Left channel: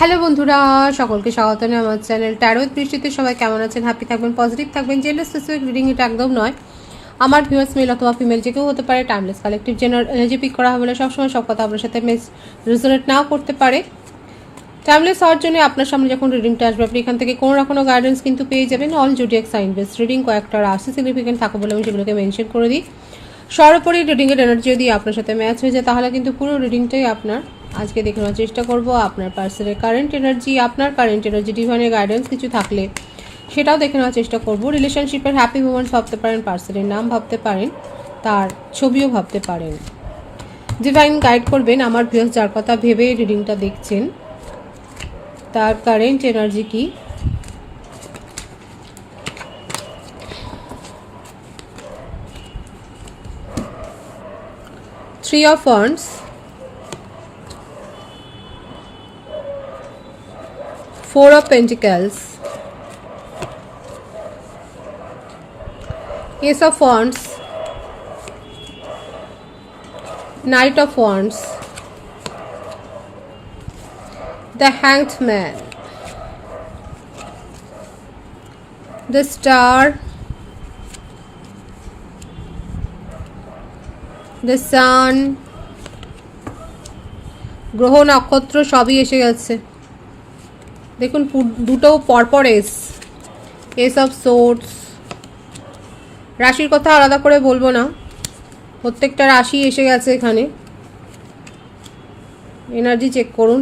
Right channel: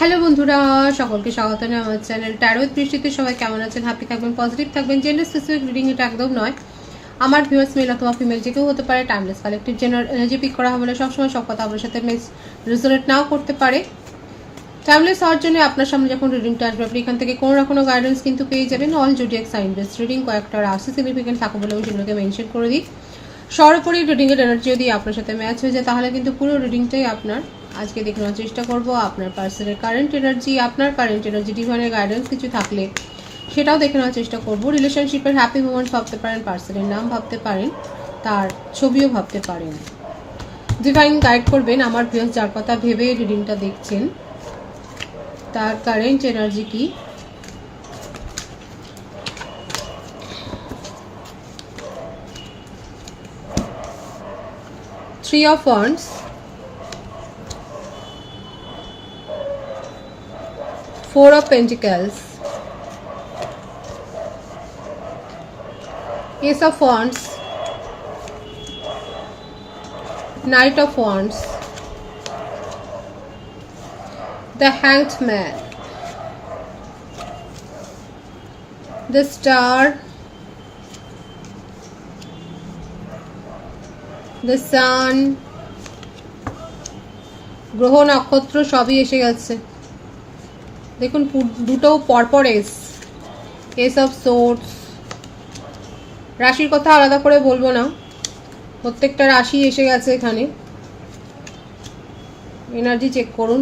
Hello বন্ধুরা, সকলকে স্বাগত জানাই আমার চ্যানেল ট্যারো উইথ বৃষ্টিতে। সবাই কেমন আছেন? হ্যাপি থাকবেন, পজিটিভ থাকবেন। জেন্ডার স্পেসিফিক রিডিং এটা একদম নয়। আমার ভিউয়ার্স মেল অথবা ফিমেল যে কেউ হতে পারে। Timeless collective general energy peak করা হবে, সবসময় সব কথা আপনার সাথে রেজোনেট নাও করতে পারে। টাইমলেস হওয়ার জন্য আপনার সামনে যখন রিডিংটা আসবে, আপনি এখান থেকে কোনো না কোনো গাইডেন্স কিন্তু পেয়ে যাবেন। All zodiac sign based reading, কয়েকটা রাশি সিগনিফিকেন্ট থাকে বলে আমি সেগুলোকে মেনশন করে দিই। সর্বোপরি রিডিংয়ের এনার্জি যদি আপনার সাথে ম্যাচ হয়ে যায়, তাহলে কিন্তু পুরো রিডিংটাই আপনার। আজকে দেখানোর চেষ্টা করব আপনার পার্সনের কারেন্ট এনার্জি, আপনার কারেন্ট এনার্জি, ডিভাইনের গাইডেন্স কিছু থাকলে সেটাও দেখে নেওয়ার চেষ্টা করব। রিলেশনশিপের হ্যাপি মোমেন্টস ভাবতে পারেন, পার্সনের নাম ভাবতে পারেন, তার ছবিও ভাবতে পারেন। ডিভাইন গাইড করবেন আমার ভিউয়ার্স যার কথা ভেবে রিডিংটা দেখছেন, তার কারেন্ট এনার্জি কি। Three of Wands, Four of Pentacles, Ace of Wands, Knight of Wands, the Hanged Man, the Star, the Sun, গ্রহ নক্ষত্র সবই এসে গেছে। দেখুন দুটো পরপর এস অফ সোর্ডস। রাশির কথা আলাদা করে বলবো না, প্রত্যেকটা রাশি এসে গেছে এখানে। এনার্জি চেক করুন।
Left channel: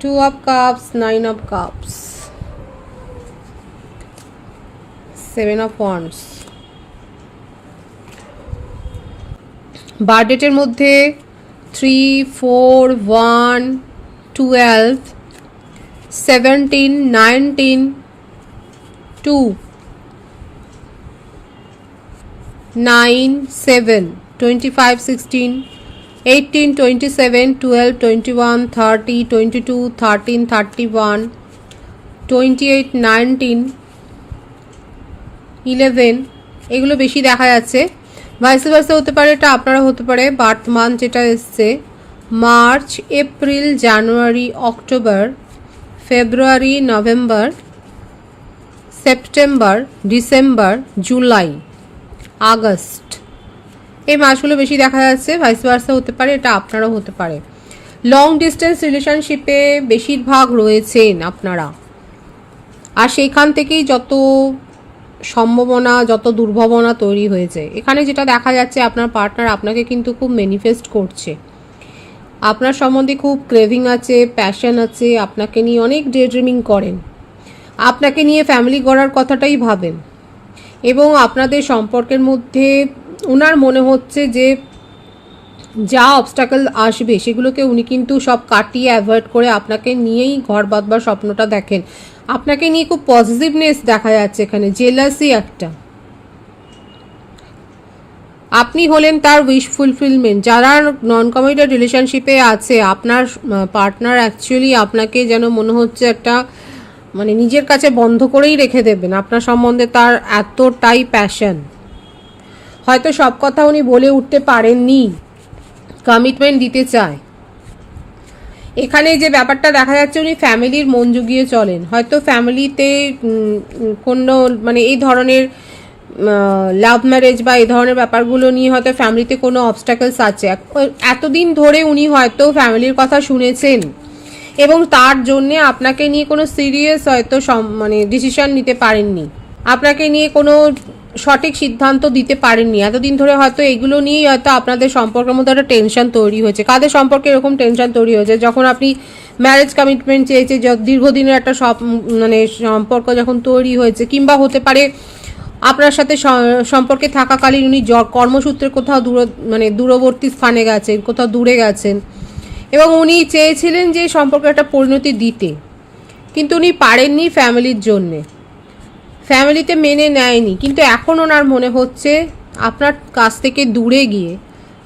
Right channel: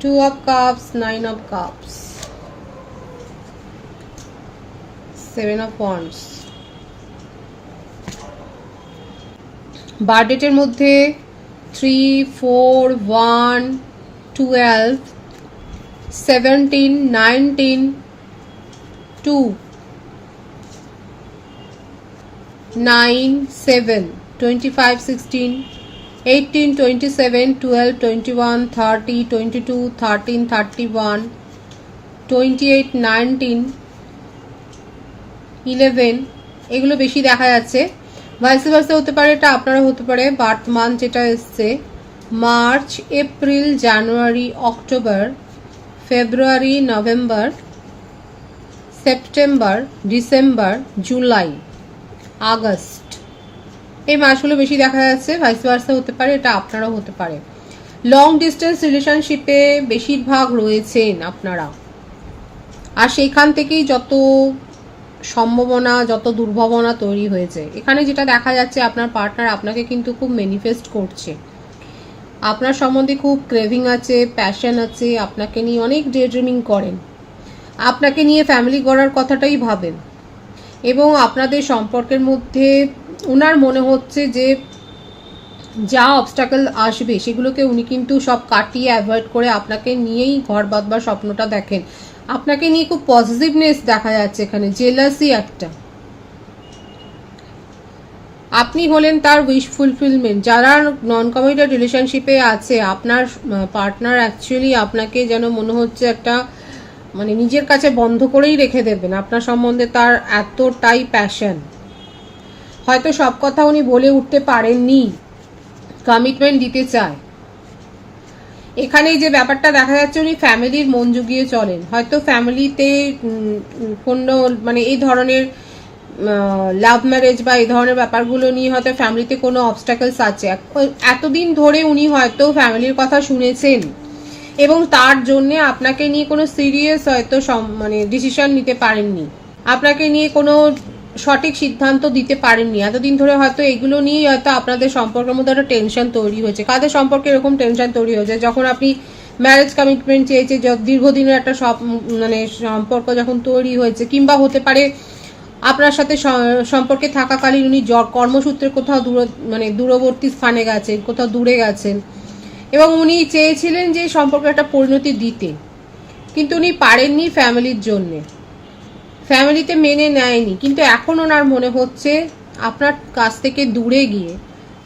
Two of cups, nine of cups, seven of wands. বার্থডেটের মধ্যে 3, 4, 1, 12, 17, 19, 2, 9, 7, 25, 16, 18, 27, 12, 21, 30, 22, 13, 31, 28, 19, 11 এগুলো বেশি দেখা যাচ্ছে। ভাইস ভার্সা হতে পারে, এটা আপনারা হতে পারে। বার্থ মান্থ যেটা এসছে March, April, January, October, February, November, September, December, July, August, এই মাসগুলো বেশি দেখা যাচ্ছে। ভাইস ভার্সা হতে পারে, এটা আপনারাও হতে পারে। লং ডিস্টেন্স রিলেশনশিপে বেশিরভাগ রয়েছেন আপনারা, আর সেইখান থেকেই যত সম্ভাবনা, যত দুর্ভাবনা তৈরি হয়েছে। এখানে যেটা দেখা যাচ্ছে, আপনার পার্টনার আপনাকে কিন্তু খুব ম্যানিফেস্ট করছে। আপনার সম্বন্ধে খুব ক্রেভিং আছে, প্যাশন আছে, আপনাকে নিয়ে অনেক ডে ড্রিমিং করেন, আপনাকে নিয়ে ফ্যামিলি গড়ার কথাটাই ভাবেন। এবং আপনাদের সম্পর্কের মধ্যে ওনার মনে হচ্ছে যে যা অবস্টাকেল আসবে সেগুলোকে উনি কিন্তু সব কাটিয়ে অ্যাভয়েড করে আপনাকে নিয়েই ঘর বাঁধবার স্বপ্নটা দেখেন। আপনাকে নিয়ে খুব পজিটিভনেস দেখা যাচ্ছে এখানে। জেলাসি একটা, আপনি হলেন তার উইশ ফুলফিলমেন্ট। যারা নন কমিটেড রিলেশনশিপে আছে, আপনার পার্টনার অ্যাকচুয়ালি আপনাকে যেন মনে হচ্ছে একটা মানে নিজের কাছে বন্ধ করেই রেখে দেবেন। আপনার সম্বন্ধে তার এতটাই প্যাশন। হয়তো সব কথা উনি বলে উঠতে পারেননি, কমিটমেন্ট দিতে চায়। এখানে যে ব্যাপারটা দেখা যাচ্ছে, উনি ফ্যামিলির মন জুগিয়ে চলেন। হয়তো ফ্যামিলিতে কোনো মানে এই ধরনের লাভ ম্যারেজ বা এই ধরনের ব্যাপারগুলো নিয়ে হয়তো ফ্যামিলিতে কোনো অবস্টাকলস আছে। এতদিন ধরে উনি হয়তো ফ্যামিলির কথা শুনেছেন এবং তার জন্যে আপনাকে নিয়ে কোনো সিরিয়াস হয়তো মানে ডিসিশন নিতে পারেননি, আপনাকে নিয়ে কোনো সঠিক সিদ্ধান্ত দিতে পারেননি। এতদিন ধরে হয়তো এগুলো নিয়েই হয়তো আপনাদের সম্পর্কের মধ্যে একটা টেনশন তৈরি হয়েছে। কাদের সম্পর্কে এরকম টেনশন তৈরি হয়েছে? যখন আপনি ম্যারেজ কমিটমেন্ট চেয়েছে, দীর্ঘদিনের একটা মানে সম্পর্ক যখন তৈরি হয়েছে, কিংবা হতে পারে আপনার সাথে সম্পর্কে থাকাকালীন উনি কর্মসূত্রে কোথাও মানে দূরবর্তী স্থানে গেছেন, কোথাও দূরে গেছেন, এবং উনি চেয়েছিলেন যে সম্পর্কে একটা পরিণতি দিতে, কিন্তু উনি পারেননি ফ্যামিলির জন্যে, ফ্যামিলিতে মেনে নেয়নি। কিন্তু এখন ওনার মনে হচ্ছে আপনার কাছ থেকে দূরে গিয়ে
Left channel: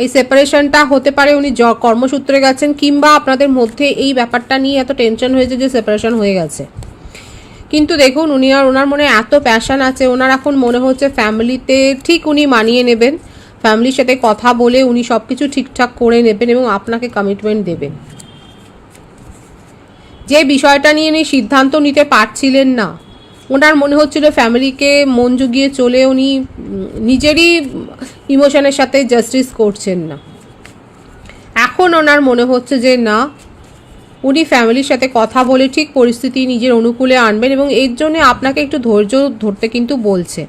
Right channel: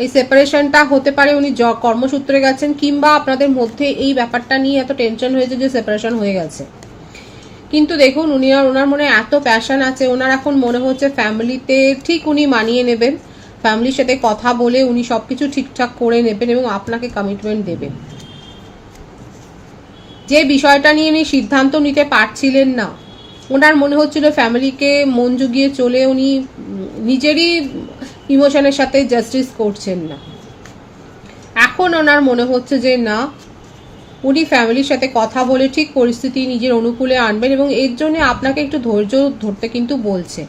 এই সেপারেশনটা হতে পারে উনি কর্মসূত্রে গেছেন, কিংবা আপনাদের মধ্যে এই ব্যাপারটা নিয়ে এত টেনশন হয়েছে যে সেপারেশন হয়ে গেছে। কিন্তু দেখুন উনি আর ওনার মনে এত প্যাশন আছে, ওনার এখন মনে হচ্ছে ফ্যামিলিতে ঠিক উনি মানিয়ে নেবেন, ফ্যামিলির সাথে কথা বলে উনি সবকিছু ঠিকঠাক করে নেবেন এবং আপনাকে কমিটমেন্ট দেবেন। যে বিষয়টা নিয়ে উনি সিদ্ধান্ত নিতে পারছিলেন না, ওনার মনে হচ্ছিল ফ্যামিলিকে মন জুগিয়ে চলে উনি নিজেরই ইমোশনের সাথে জাস্টিস করছেন না। এখন ওনার মনে হচ্ছে যে না, উনি ফ্যামিলির সাথে কথা বলে ঠিক পরিস্থিতি নিজের অনুকূলে আনবেন, এবং এর জন্য আপনাকে একটু ধৈর্য ধরতে কিন্তু বলছে।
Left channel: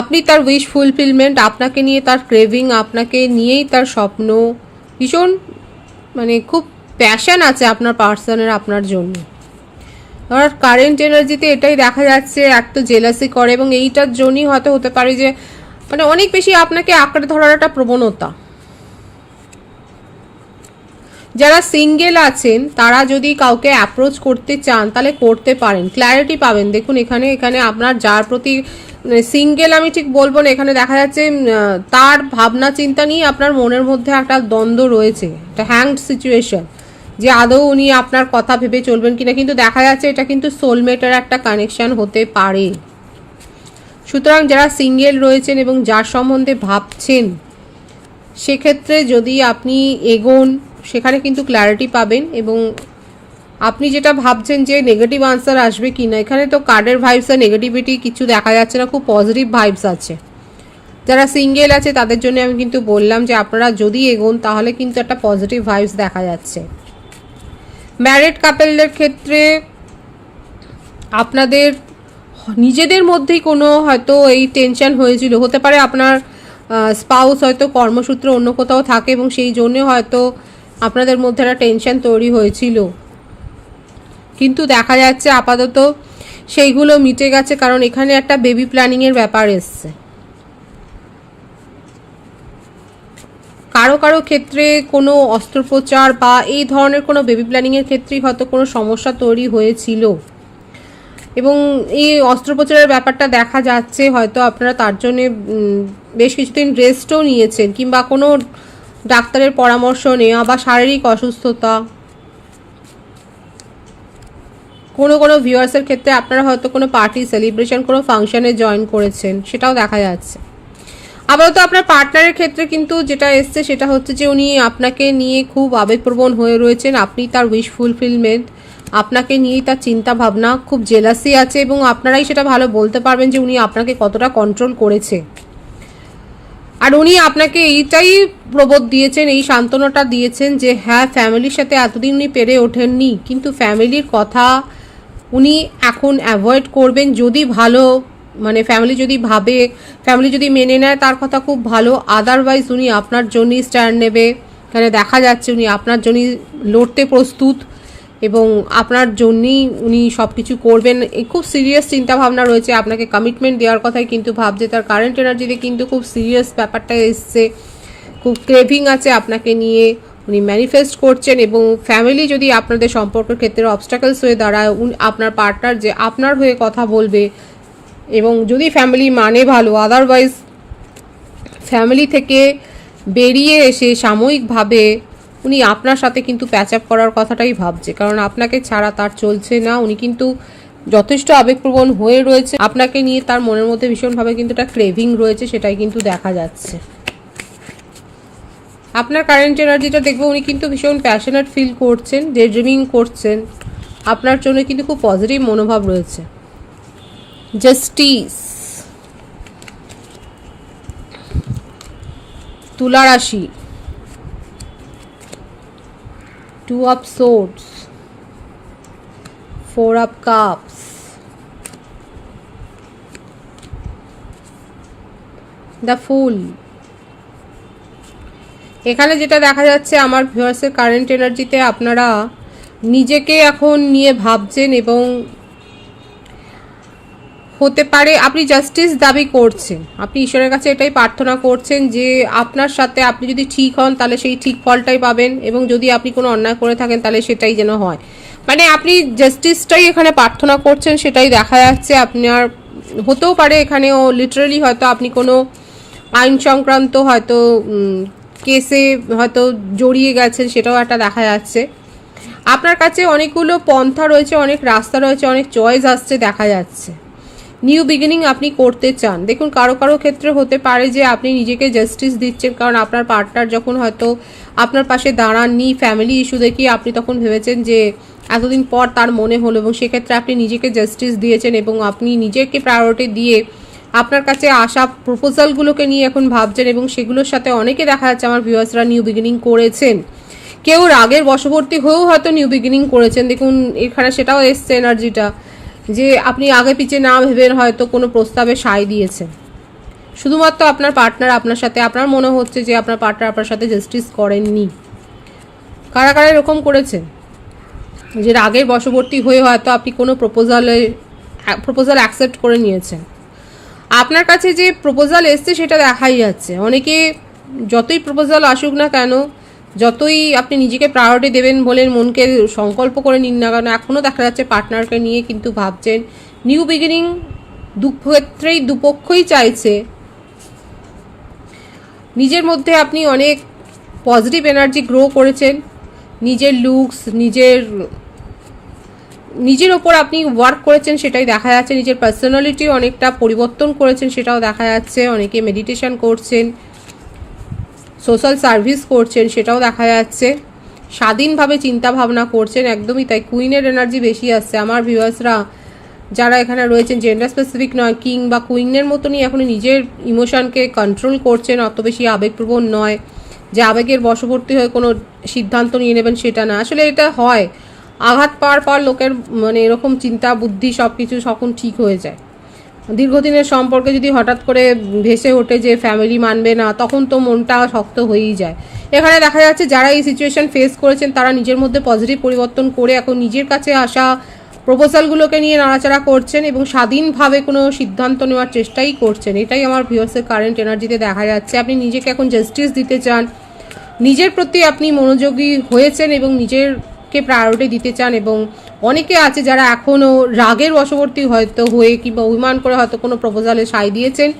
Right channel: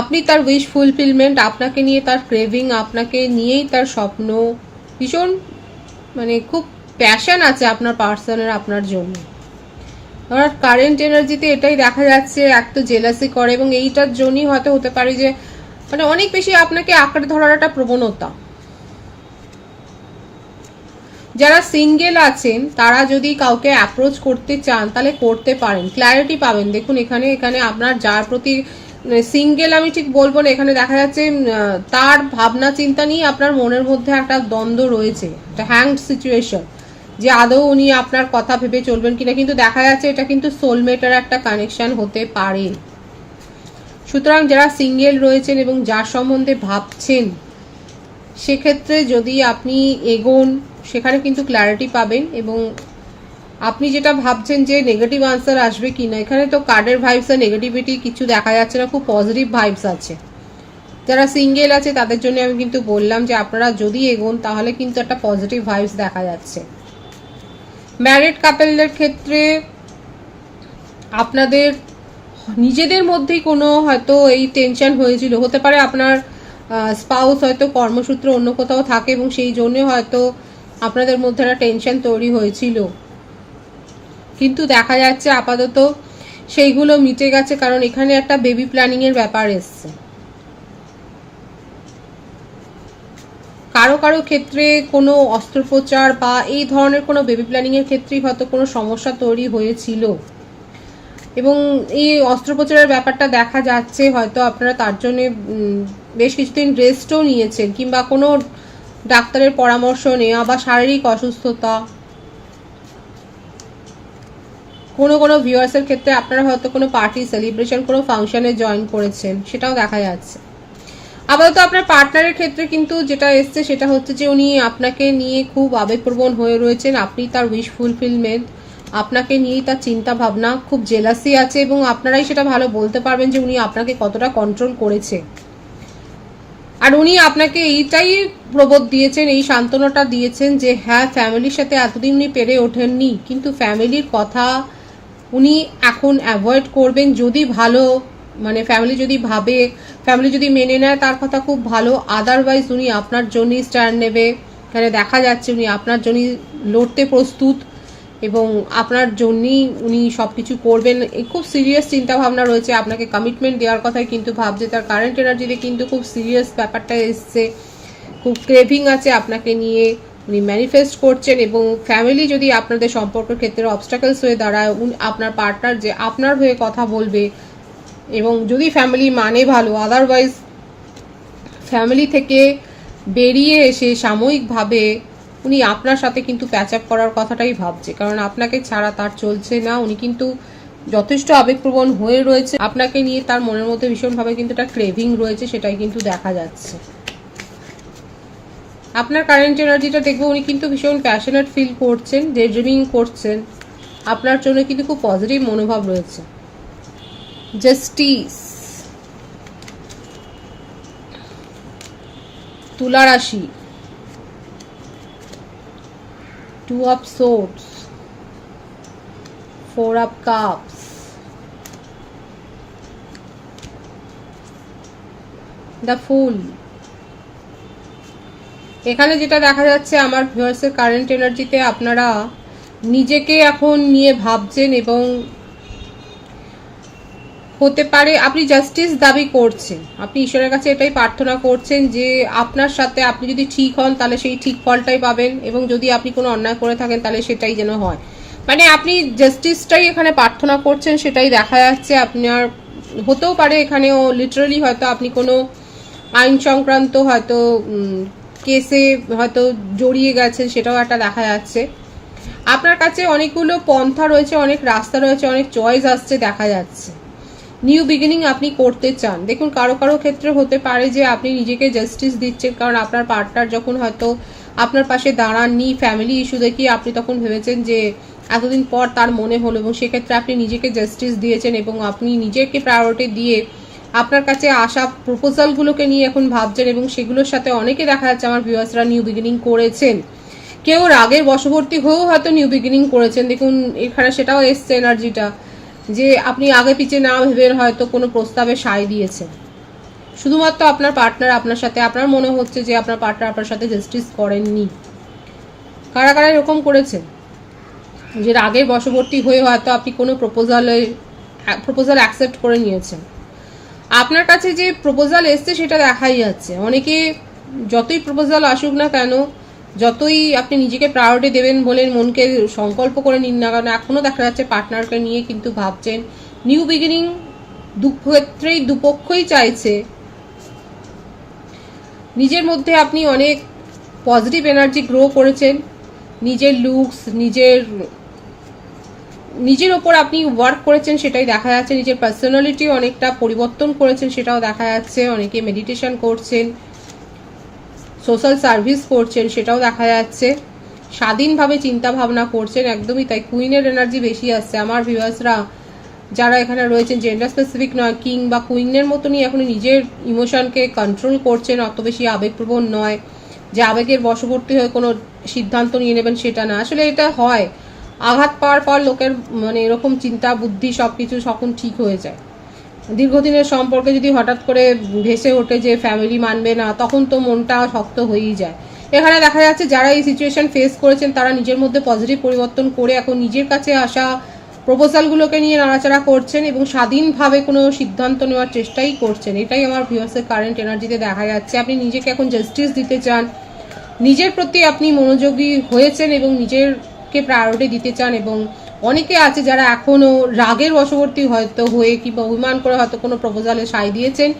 আপনি তার উইশ ফুলফিলমেন্ট, আপনাকে নিয়ে তার ক্রেভিং, আপনাকে নিয়েই তার স্বপ্ন, ভীষণ মানে খুব প্যাশন আছে আপনার পার্সনের আপনার জন্য। আর কারেন্ট এনার্জিতে এটাই দেখা যাচ্ছে, এক তো জেলাসি করে, এবং এইটার জন্যই হয়তো হতে পারে যে মানে অনেক বেশি আপনাকে আঁকড়ে ধরার একটা প্রবণতা। যারা সিঙ্গেল আছেন তারা যদি কাউকে অ্যাপ্রোচ করতে চান তাহলে করতে পারেন, ক্ল্যারিটি পাবেন। দেখুন এখানে আপনার যার প্রতি সিঙ্গেল আমি ঠিক বলবো না, এখানে দেখা যাচ্ছে তার ভাবনা চিন্তা নিয়ে আপনার মনের মধ্যে একটা দ্বন্দ্ব রয়েছে, একটা হ্যাংড সিচুয়েশন, যে আদৌ উনি আপনার কথা ভেবে চলবেন কিনা। কিন্তু দেখা যাচ্ছে এটা কিন্তু সোলমেটের একটা কানেকশন হতে পারে। সুতরাং যারা সিঙ্গেল রয়েছেন এবং যার সম্বন্ধে ভাবছেন, সেক্ষেত্রে যদি আপনি এগোন সেখানে কিন্তু ক্ল্যারিটি পাবেন, এবং আপনি যেটা ভাবছেন যে নেগেটিভ আনসার আসবে কিনা, এখানে তো কার্ডের ভাইবস আর নেগেটিভিটি কিছু দেখা যাচ্ছে না, খুব পজিটিভ ভাইবস আছে। যারা সিঙ্গেল আছে তাদের জন্য আমি কিন্তু বললাম যে আপনারা যদি এগোন তাহলে কিন্তু একটা পজিটিভ ভাইবস দেখা যাচ্ছে। ম্যারিড কাপেলদের ক্ষেত্রে আপনাদের নিজেদের মধ্যেই কোনো হয়তো এই টেনশন হয়েছিল, হতে পারে আপনার স্পাউস হয়তো কর্মসূত্রে অন্য কোথাও থাকে এবং সেই জন্য হয়তো আপনাদের মধ্যে একটা টেনশন তৈরি হয়েছিল, কিন্তু দেখা যাচ্ছে আপাতত সেইগুলো মিটে গেছে, কারণ এখানে একটা বেবি প্ল্যানিং এর ব্যাপার এসছে। কারো কারো ক্ষেত্রে কোনো অস্ত্রোপচার বা এই ধরনের কোনো বেবি প্ল্যানিং এর ক্ষেত্রেই হয়তো কোনো সমস্যা তৈরি হয়েছিল, এবং এই অস্ত্রোপচারের ব্যাপারটা দেখা যাচ্ছে হয়তো আপনারা তার জন্য বেশ কিছুদিন রেস্টও নিয়েছেন, কিংবা কোনো ডাক্তারের পরামর্শ নেওয়া বা শারীরিক অসুস্থতা। কোনো ভিউয়ার্সের ক্ষেত্রে আপনারা হয়তো কোনো পার্টি, সেলিব্রেশন, কোনো ফাংশনে জয়েন করেছেন, সেটাও দেখা যাচ্ছে। আপাতত আপনার পার্টনারের ক্ষেত্রে কিন্তু যেটা এসছে সেটা হচ্ছে যে উনি আপনাকে নিয়ে খুব আবেগপ্রবণ হয়ে রয়েছেন, আপনি তার উইশ ফুলফিলমেন্ট, আপনাকে নিয়ে তার চিন্তা ভাবনা, খুব জেলাসি আছে, এবং আপনারাই সেটা ভালো বলতে পারবেন যে উনি আপনাকে কতটা কন্ট্রোল করেছে। আর উনি আপনাকে এইটাই প্রবোধ দিয়েছেন, এই সান্ত্বনাটা দিয়েছেন যে হ্যাঁ, ফ্যামিলির সাথে এতদিন উনি পেরে ওঠেননি, কিন্তু ফ্যামিলির কথা উনি এখন অ্যাভয়েড করবেন। যদি ভালো মানে ফ্যামিলি যদি ভাবে, ফ্যামিলি যদি মেনে নেয় তার কথা খুব ভালো, আদারওয়াইজ উনি আপনার জন্যই স্ট্যান্ড নেবে। এখানে দেখা যাচ্ছে উনি আপনার জন্যই লড়তে প্রস্তুত, এবং আপনার জন্যই উনি সব কিছু করবেন। এই খুব সিরিয়াস চিন্তা ভাবনা রয়েছে, আপনাকে কমিটমেন্ট দেওয়ার কথাই কিন্তু ভাবছে। তার কারেন্ট এনার্জিতে কিন্তু খুব সিরিয়াস ব্যাপারটা এসছে, খুব ক্রেভিং আছে আপনাকে নিয়ে, উনি ম্যানিফেস্ট করছেন। এবং ফ্যামিলি যদি আপনাদের সম্পর্কের ক্ষেত্রে অবস্টাকলস হয়ে দাঁড়ায়, আপনার পার্টনার যে আপনার হয়ে কথা বলবে, এবং যদি ফ্যামিলি মানে ভালো, আদারওয়াইজ ফ্যামিলি থেকে বেরিয়ে এসে সাময়িকভাবে উনি আপনার সাথে কিন্তু প্যাচ আপ করার কথাটাই ভাবছে, কারণ আপনাকে ছাড়া তার চলছে না। উনি কিন্তু যথেষ্ট আবেগপ্রবণ হয়ে রয়েছে, আপনাকে নিয়ে তার মনের মধ্যে ভীষণভাবে কিন্তু একটা ক্রেভিং রয়েছে, সেটাই কিন্তু দেখা যাচ্ছে। আপনার কারেন্ট এনার্জিটা দেখবো উনি কিন্তু ভীষণ প্যাশনেট ফিল করছেন, ডে ড্রিমিং করছেন, আপনার জন্য কিন্তু খুব পজিটিভ মনোভাব রয়েছে। জাস্টিস, তুলা রাশি, 2 of swords, 4 of cups, the fool। এখানে যেটা দেখা যাচ্ছে আমার ভিউয়ার্সের কারেন্ট এনার্জিতে আপনারা নিজেকে এখন নিয়ে ভাবছেন, এবং হতে পারে আপনি জাস্টিস দাবি করছেন, আপনি ঈশ্বরের কাছে এটাই প্রার্থনা করছেন যে আপনার সাথে আপনি যদি ঠিক হন তাহলে সেই ঠিক ফলটাই পাবেন, এবং যদি আপনি কোনো অন্যায় করে থাকেন তাহলে সেটাই যেন হয়। মানে আপনি জাস্টিসটাই এখানে প্রার্থনা করছেন, সেটাই দেখা যাচ্ছে। আপনার হতেও পারে এখানেও লিটারালি হয়তো আপনি কোনো আইন সংক্রান্ত হয়তো কেসে হয়তো জড়িয়ে গেছেন, সেটাও একটা দেখা যাচ্ছে। আপনার কাছে অনেকগুলো পন্থা রয়েছে, অনেক রাস্তা রয়েছে, অনেক চয়েস আসছে দেখা যাচ্ছে। নিউ বিগিনিং আপনি করতে চান। দেখুন কারো কারো ক্ষেত্রে হতে পারে যে আপনি নিজেকে জাস্টিস দিচ্ছেন, কারণ আপনার পার্টনার যখন হয়তো আপনার পাশে দাঁড়াননি, ফ্যামিলি ইস্যু দেখিয়ে আপনি তখন ভেবেছেন যে এতদিন পর তার মনে হলো, এবং সেক্ষেত্রে আপনি নিজেকে জাস্টিস দিয়েছেন এবং আপনি নিজেকে প্রায়োরিটি দিয়ে আপনার কাছে আসা প্রপোজালগুলোকে নিয়ে এখন ভাবছেন, এবং সেগুলোর সাথে অনেকে দেখা যাচ্ছে আমার ভিউয়ার্সরা নিউ বিগিনিং করেছেন। কেউ রাগের বশবর্তী হয়েও হয়তো নিউ বিগিনিং করেছেন। দেখুন এখানে সেটাও এসছে এনার্জিটা, যে আপনি আগে পিছে না ভেবে হয়তো কোনো প্রস্তাবে সায় দিয়েছেন। শুধুমাত্র আপনার পার্টনার আপনার সাথে, আপনার মনে হচ্ছে যে আপনার পার্টনার আপনার সাথে জাস্টিস করেননি। কারা কারা এরকম করেছে যে রাগের বশবর্তী হয়ে হয়তো আপনি কোনো প্রপোজাল অ্যাকসেপ্ট করে নিয়েছেন। আপনার কাছে যে প্রপোজাল এসছে সেটা দেখাই যাচ্ছে। অনেকে যতই প্রপোজাল আসুক না কেন, যতই আপনি নিজেকে প্রায়োরিটি দেবেন বলে মনকে সংকল্প করে নিন না কেন, এখনও দেখা যাচ্ছে পার্টনারকে নিয়ে কিন্তু ভাবছেন। নিউ বিগিনিং দুক্ষেত্রেই দুপক্ষই চাইছে। নিজের মধ্যে আপনি অনেক পজিটিভ এনার্জি গ্রো করেছেন, নিজের লুকস, নিজের ওপর আপনি ওয়ার্ক করেছেন সেটাই দেখা যাচ্ছে। নিজের পার্সোনালিটি অনেকটা পরিবর্তন করেছেন সেটাও দেখা যাচ্ছে। অনেকে মেডিটেশন করছেন, সোশ্যাল সার্ভিস করছেন সেটাও দেখা যাচ্ছে। স্বাধীনভাবে চিন্তা ভাবনা করছেন, একদমই তাই। কুইনের এনার্জি বেশি আসছে আমার ভিউয়ার্সরা যারা এখানে রয়েছেন, জেন্ডার স্পেসিফিক নয়, কিং বা কুইনের মতনই এখন নিজের ইমোশনকে কন্ট্রোল করছেন, অত বেশি আবেগপ্রবণ নয় যে আবেগের বশবর্তী হয়ে কোনো সিদ্ধান্ত নিয়ে নেবেন সেটা না। আসলে এটা হয় আঘাত পাওয়ার পর লোকের মানে এরকম চিন্তা বুদ্ধি সব কিছু তখন ঠিক হয়ে যায়। দীর্ঘদিনের সম্পর্কে যদি হঠাৎ করে ভেসে ওঠে যে ফ্যামিলি মানবে না, তখন তো মনটা শক্ত হয়েই যায়। এখানে দেখা যাচ্ছে যারা এই সিচুয়েশন ফেস করেছেন তারা নিজের মধ্যে পজিটিভ পরিবর্তন করে এখন নিজের কাছে আসা প্রপোজালগুলোকে নিয়ে নাড়াচাড়া করছেন এবং স্বাধীনভাবে কোনো সিদ্ধান্ত নেওয়ার চেষ্টাই করছেন। এটাই আমার ভিউয়ার্সের কারেন্ট এনার্জিতে দেখা যাচ্ছে। আপনি নিজেকে এখন জাস্টিস দিতে চান, নিজের প্রতি আপনি মনোযোগী হয়েছেন এবং নিজেরকে প্রায়োরিটি দিতে চান। এবং অনেকে আছে যারা এখনও রাগের বশবর্তী হয়তো হয়ে কিংবা অভিমান করে হয়তো কোনো প্রপোজালে সায় দিয়েছেন।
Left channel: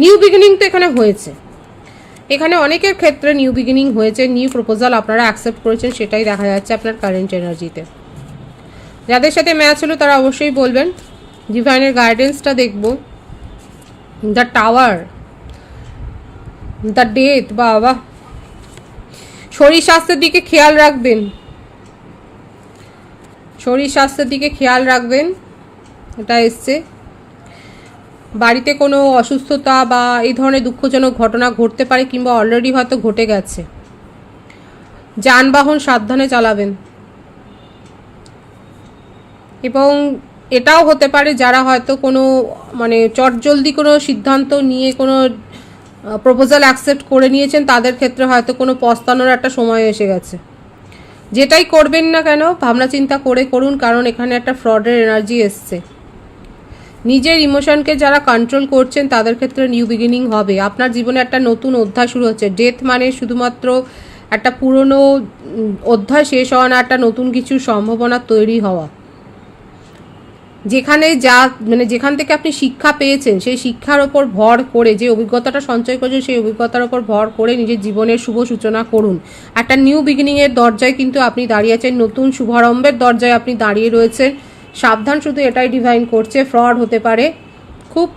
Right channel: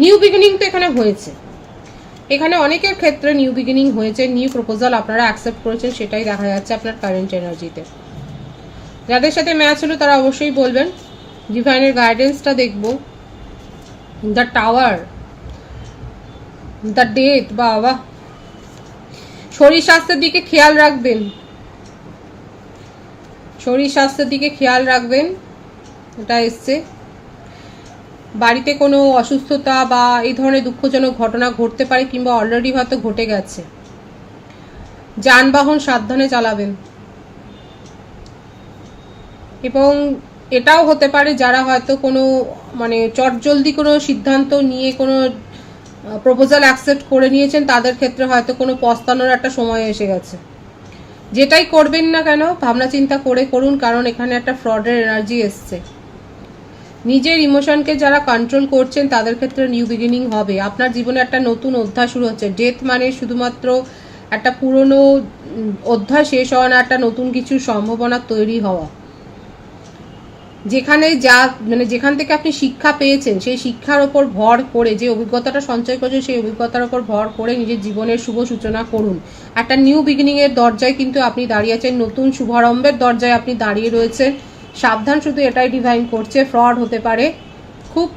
নিউ বিগিনিং তো এখানে হয়েছে, এখানে অনেকের ক্ষেত্রে নিউ বিগিনিং হয়েছে, নিউ প্রপোজাল আপনারা অ্যাকসেপ্ট করেছেন সেটাই দেখা যাচ্ছে আপনার কারেন্ট এনার্জিতে। যাদের সাথে ম্যাচ হলো তারা অবশ্যই বলবেন। ডিভাইনের গাইডেন্সটা দেখব। দ্য টাওয়ার, দ্য ডেথ, বাবা। শরীর স্বাস্থ্যের দিকে খেয়াল রাখবেন, শরীর স্বাস্থ্যের দিকে খেয়াল রাখবেন, এটা এসছে। বাড়িতে কোনো অসুস্থতা বা এই ধরনের দুঃখজনক ঘটনা ঘটতে পারে কিংবা অলরেডি হয়তো ঘটে গেছে। যানবাহন সাবধানে চালাবেন। এবং এটাও হতে পারে যারা হয়তো কোনো মানে চটজলদি কোনো সিদ্ধান্ত নিয়ে কোনো প্রপোজাল অ্যাকসেপ্ট করে নিয়েছেন তাদের ক্ষেত্রে হয়তো কোনো পস্তানোর একটা সময় এসে গেছে। যেটাই করবেন না কেন ভাবনা চিন্তা করে করুন, কারণ এখানে একটা ফ্রডের এনার্জি এসছে। নিজের ইমোশনকে যারা কন্ট্রোল করছেন তাদের ক্ষেত্রে নিউ বিগিনিং হবে। আপনার জীবনে একটা নতুন অধ্যায় শুরু হচ্ছে। ডেথ মানে শুধুমাত্র একটা পুরনো অধ্যায় শেষ হওয়া না, একটা নতুন কিছু সম্ভাবনা তৈরি হওয়া। যেখানে যেখান থেকে আপনি শিক্ষা পেয়েছেন সেই শিক্ষার ওপর ভর করে, যে অভিজ্ঞতাটা সঞ্চয় করেছেন সেই অভিজ্ঞতার ওপর ভর করে নিজের জীবনের শুভ সূচনা করুন। একটা নিউ বিগিনিং এর দরজায় কিন্তু আপনি দাঁড়িয়ে আছেন, নতুন শুভারম্ভের দরজায় আপনি দাঁড়িয়ে রয়েছেন। সাবধান শুধু এটাই ডিভাইন করছে, ফ্রড হতে পারে। খুব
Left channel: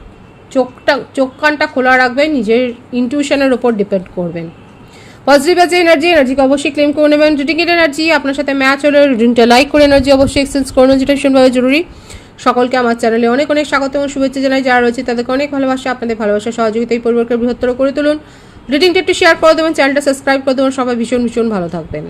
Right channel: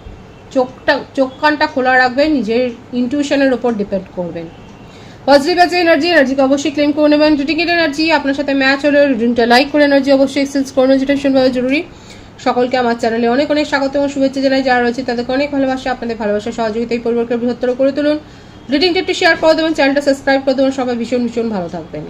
চোখ কানটা খোলা রাখবেন, নিজের ইনটিউশনের ওপর ডিপেন্ড করবেন। পজিটিভ আছে এনার্জিকে অবশ্যই ক্লেম করে নেবেন। রিডিংয়ের এনার্জি আপনার সাথে ম্যাচ হলে রিডিংটা লাইক করে এনার্জি অবশ্যই এক্সচেঞ্জ করুন, যেটা ভীষণভাবে জরুরি। সকলকে আমার চ্যানেলে অনেক অনেক স্বাগত এবং শুভেচ্ছা জানাই। যারা রয়েছে তাদেরকে অনেক ভালোবাসা। আপনাদের ভালোবাসা সহযোগিতায় পরিবারকে বৃহত্তর করে তুলুন। রিডিংটা একটু শেয়ার করে দেবেন, চ্যানেলটা সাবস্ক্রাইব করে দেবেন। সবাই ভীষণ ভীষণ ভালো থাকবেন।